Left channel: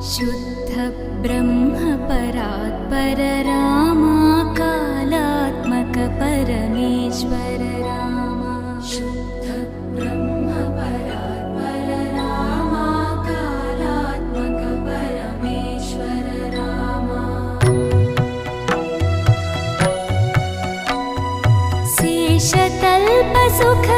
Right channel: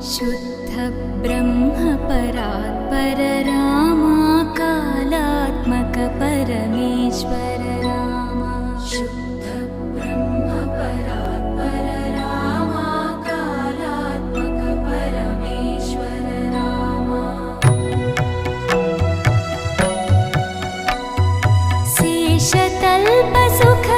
शुद्ध ब्रह्म परात्पर रामा कालात्मक परमेश्वर रामा शुद्ध ब्रह्म परात्पर रामा कालात्मक परमेश्वर रामा शेषतल्प सुख